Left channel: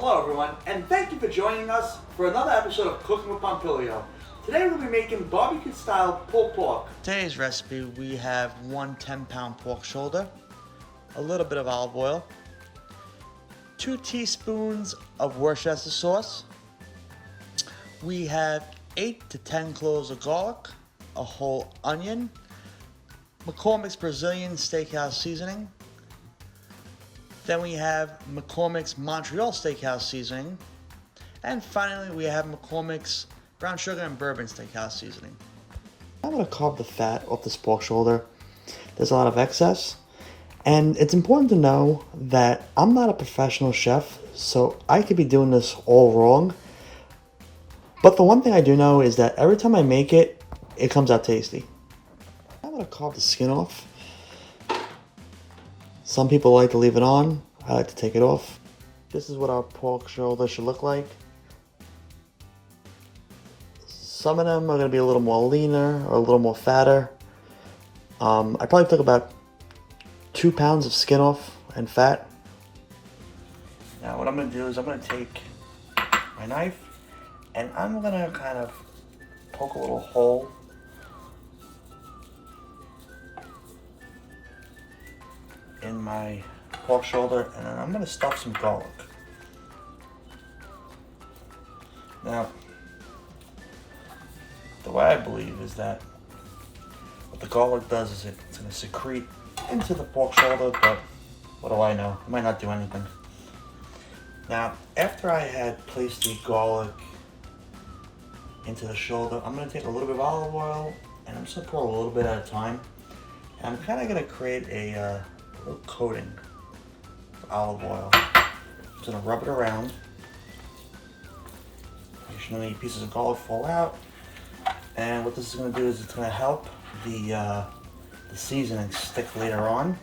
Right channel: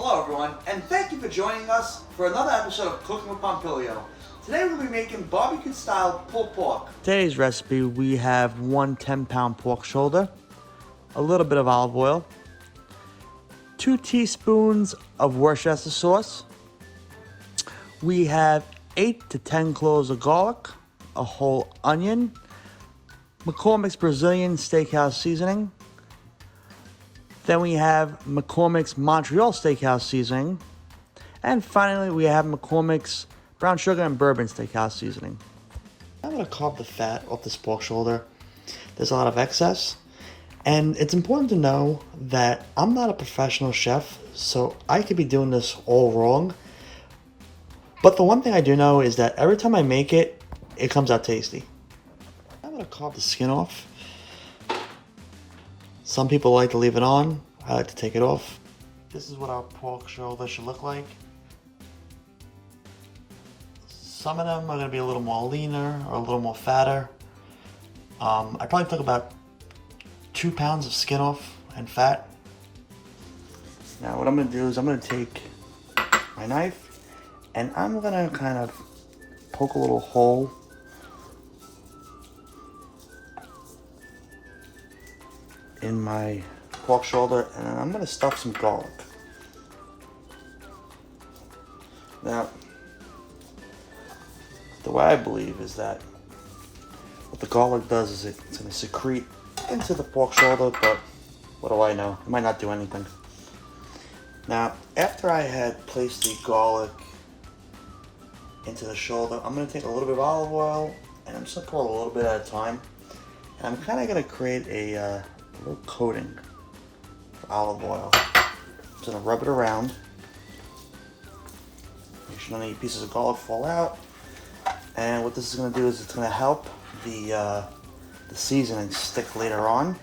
Hello everyone, and thank you for joining us for another episode of Cooking with Pompilio. Today we'll be making barbecue style pulled pork. Today's recipe, we have one 10-pound pork shoulder, a little bit of olive oil, 2 teaspoons of Worcestershire sauce. We have 8 to 10 cloves of garlic, a whole onion, McCormick's Brazilian Steakhouse seasoning. Then we have McCormick's Montreal Steakhouse seasoning. And finally, we have McCormick's brown sugar and bourbon steakhouse seasoning. I'm gonna carve the fat off this pork shoulder. There's a lot of excess. And it's important to know that I'm not a professional chef, so I could be doing this all wrong. But the one thing I do know is that every time I make it, it comes out tasty. I'm gonna carve the skin off. Some people like to leave it on. I like to take it off. This is what our pork shoulder should look like. Some of them are going to be a little more leaner or a little more fatter. I probably took about 2 pounds of skin off and fat. Now what I'm going to do is I'm going to take my knife and I'm going to kind of poke a little hole in my pork shoulder, and I'm going to stuff some garlic. Now, the way I believe is that what the garlic does is it's going to secrete into the pork shoulder, but what do I know? It might not do anything. Now, after I had placed the garlic into the shoulder, I'm going to take a little bit of olive oil, and I'm just going to pour a little bit at a time. And I'm kind of going to create a little coating of olive oil. I'm just going to rub it around. Make sure none of any pieces of garlic fall out. And what this is going to do is it's going to help the seasoning stick later on.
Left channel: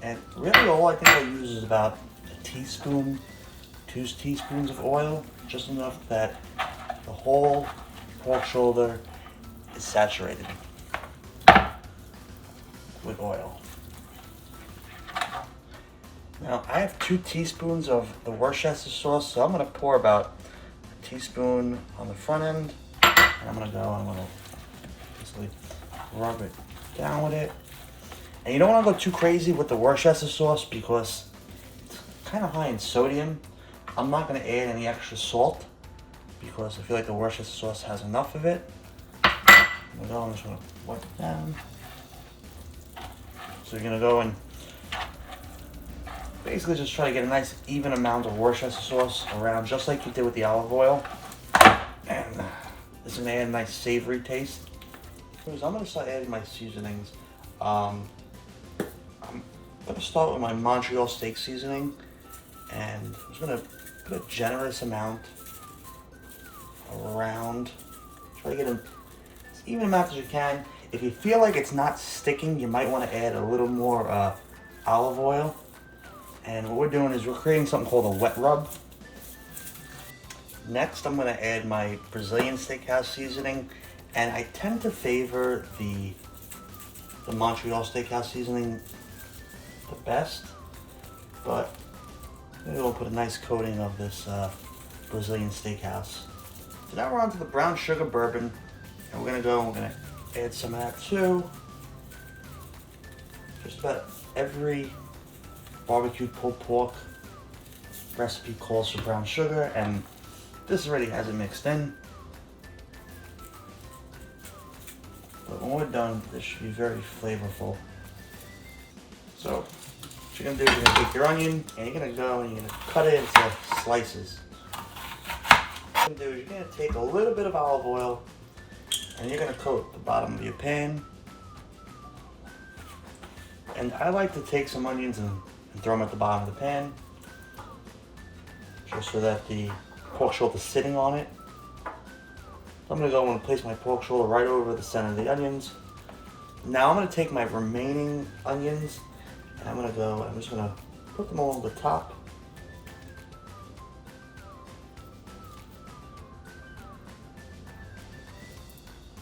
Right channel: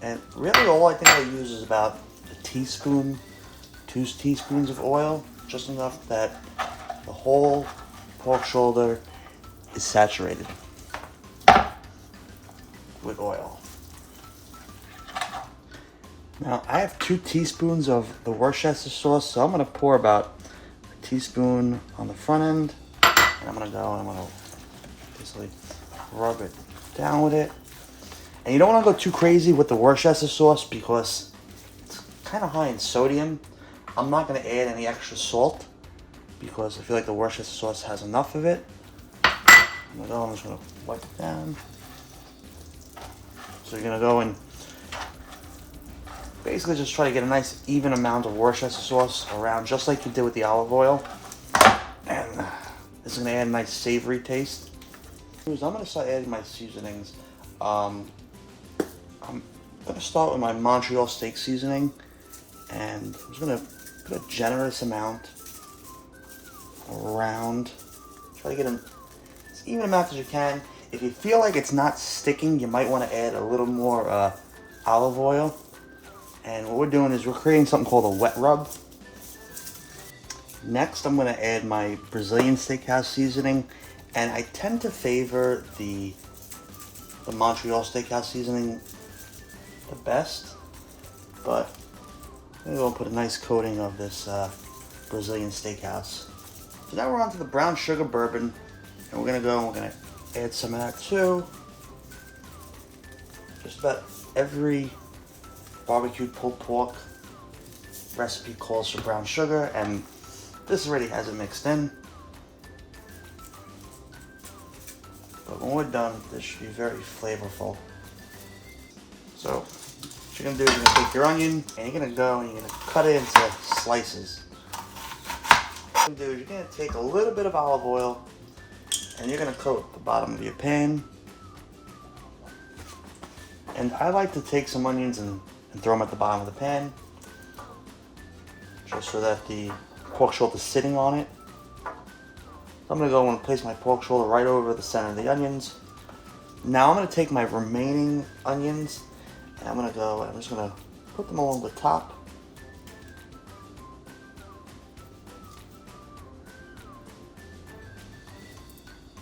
And really all I think I use is about a teaspoon, 2 teaspoons of oil, just enough that the whole pork shoulder is saturated with oil. Now I have 2 teaspoons of the Worcestershire sauce, so I'm going to pour about a teaspoon on the front end. And I'm going to basically rub it down with it. And you don't want to go too crazy with the Worcestershire sauce because it's kind of high in sodium. I'm not going to add any extra salt because I feel like the Worcestershire sauce has enough of it. I'm just going to wipe it down. So you're going to go and basically just try to get a nice even amount of Worcestershire sauce around, just like you did with the olive oil. And this is going to add a nice savory taste. I'm going to start adding my seasonings. I'm going to start with my Montreal steak seasoning, and I'm just going to put a generous amount around. Try to get as even amount as you can. If you feel like it's not sticking, you might want to add a little more olive oil. And what we're doing is we're creating something called a wet rub. Next, I'm going to add my Brazilian Steakhouse seasoning, and I tend to favor the Montreal Steakhouse seasoning the best, but I'm going to go put a nice coating of this Brazilian Steakhouse. So now we're on to the brown sugar bourbon, and we're going to add some of that too. Just about every barbecued pulled pork recipe calls for brown sugar, and this already has it mixed in. But when we're done, this should be very flavorful. So what you're going to do is you're going to take your onion and you're going to go and you're going to cut it into slices. What you're going to do is you're going to take a little bit of olive oil and you're going to coat the bottom of your pan. And I like to take some onions and throw them at the bottom of the pan, just so that the pork shoulder is sitting on it. I'm going to go and place my pork shoulder right over the center of the onions. Now I'm going to take my remaining onions and I'm just going to put them along the top.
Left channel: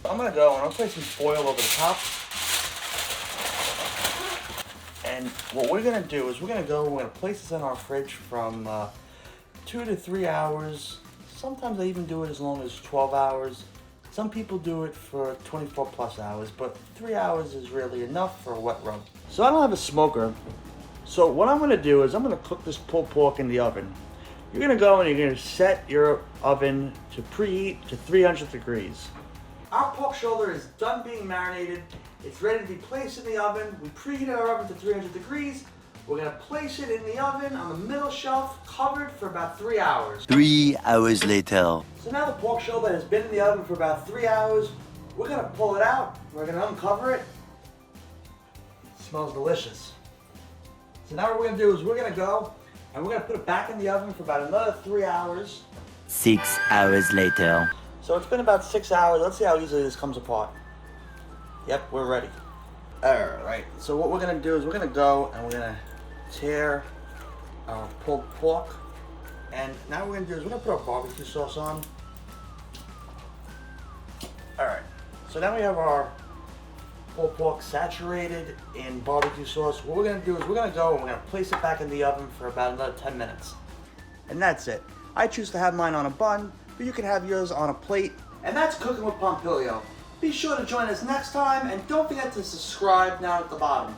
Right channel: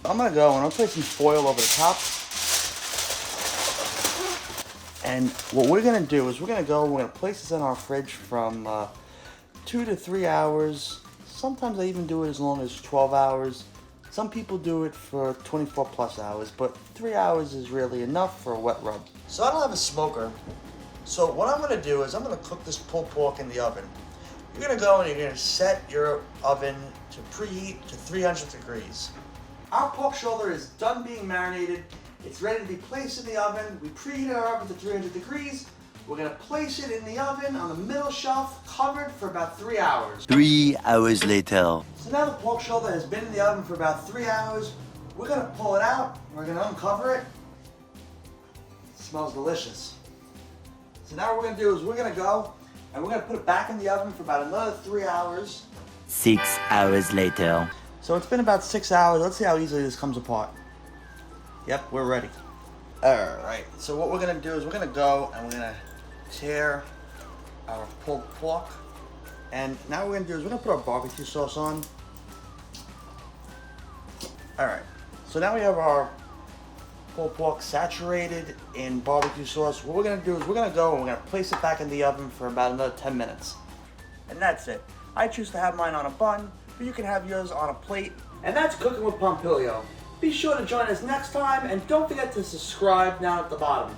I'm going to go and I'll place some foil over the top. And what we're gonna do is we're gonna place this in our fridge from 2 to 3 hours. Sometimes I even do it as long as 12 hours. Some people do it for 24 plus hours, but 3 hours is really enough for a wet rub. So I don't have a smoker. So what I'm gonna do is I'm gonna cook this pulled pork in the oven. You're gonna go and you're gonna set your oven to preheat to 300 degrees. Our pork shoulder is done being marinated. It's ready to be placed in the oven. We preheat our oven to 300 degrees. We're gonna place it in the oven on the middle shelf, covered for about 3 hours. 3 hours later. So now the pork shoulder has been in the oven for about 3 hours. We're gonna pull it out. We're gonna uncover it. It smells delicious. So now what we're gonna do is we're gonna go and we're gonna put it back in the oven for about another 3 hours. 6 hours later. So it's been about 6 hours. Let's see how easily this comes apart. Yep, we're ready. Alright, so what we're gonna do is we're gonna go and we're gonna tear our pulled pork. And now what we're gonna do is we're gonna put our barbecue sauce on. Alright, so now we have our pulled pork saturated in barbecue sauce. What we're gonna do is we're gonna go and we're gonna place it back in the oven for about another 10 minutes. And that's it. I choose to have mine on a bun, but you can have yours on a plate. And that's Cooking with Pompilio. Be sure to join us next time, and don't forget to subscribe down at the bottom.